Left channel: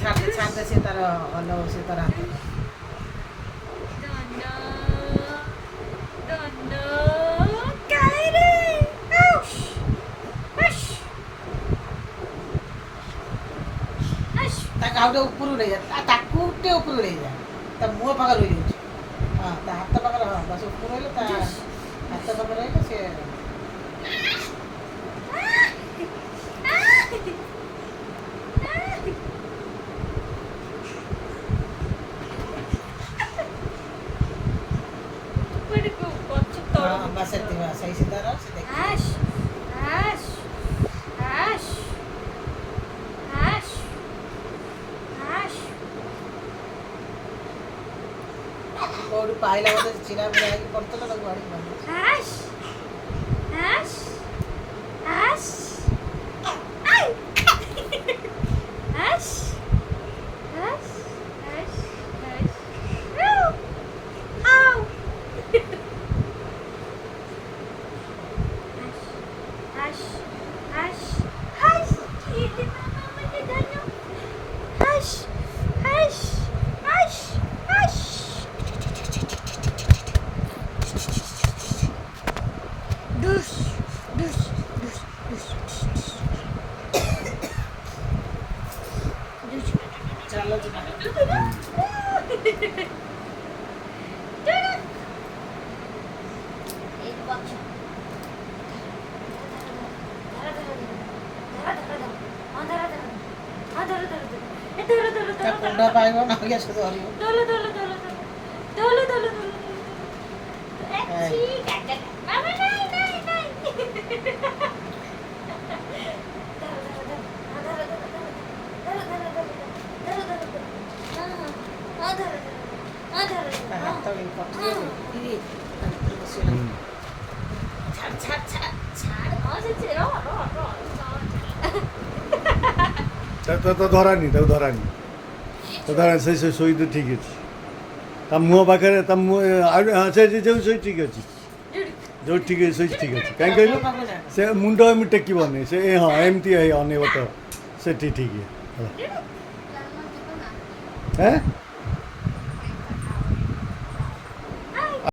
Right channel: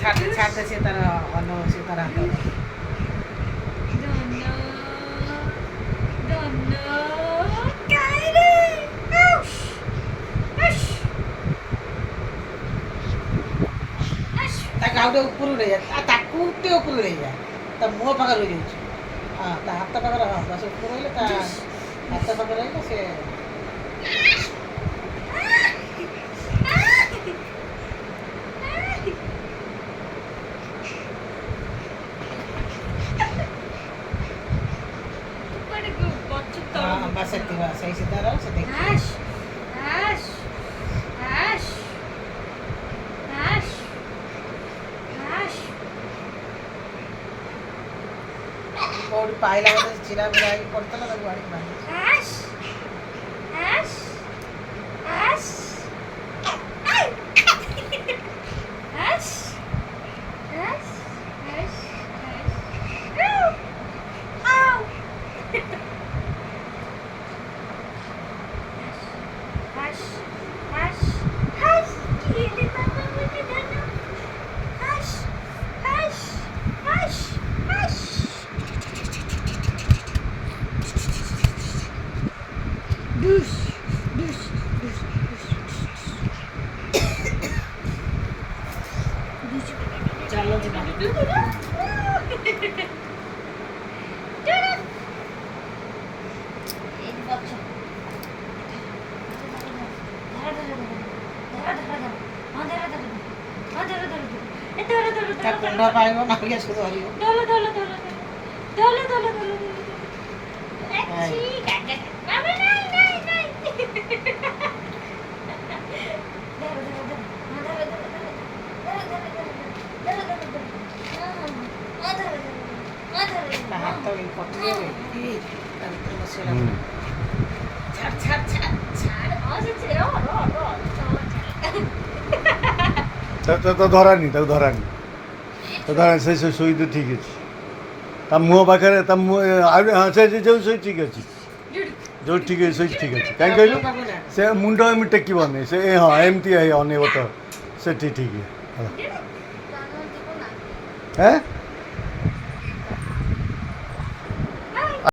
ଛାଡିଦେ ସେ ତାର ଭଲ ସେ ତାର ହାତ ତା ଗାଉଟେ ଉପରକୁ ନେଇଯା ତାକୁ ଟିକେ ଉପରକୁ ନେଇଯା ତା ମୁହଁ ପାଖରେ ରହିଯାଉଛି ହଁ ତା ହାତ ପାଖରେ ହଁ ବାସ ଉପର ରହିଲେ ତା ହାତ ପାଖରେ ରହିଲେ ସେ बस सही सीधा रहो से देख कोड़ी पाइला बोले चिरा बिरा की पड़ता ना तब गाड़ी में चलो जी कुंडा पाएगा ना क्या शुरू हो रही हो Dolo Dolo Dolo Dolo Dolo Dolo ठीक है मामा नहीं नहीं नहीं हाथ तो नहीं पटरी है तंत्र बसेला छाड़ छाड़ छाड़ छाड़ और से रो रो रो তো ধরানি তাও ধরানি তো ধরা সেই সই তো ঠিক আছে তা মুহ পাখে তা হ্যাঁ ସେ ଶୋଇ ଠିକ୍ ଅଛି ଯୋଉ ଠିକ୍ ଅଛି ଶୋଇ ଠିକ୍ ଅଛି କାହିଁ କହିଲୁ ସେ ମୁଣ୍ଡ ଏମିତି ଟେକିବନି ସେ ହଁ ଏମିତି ଅନେଇବ ତ ସେଠି ଠିକ୍ ହେଲା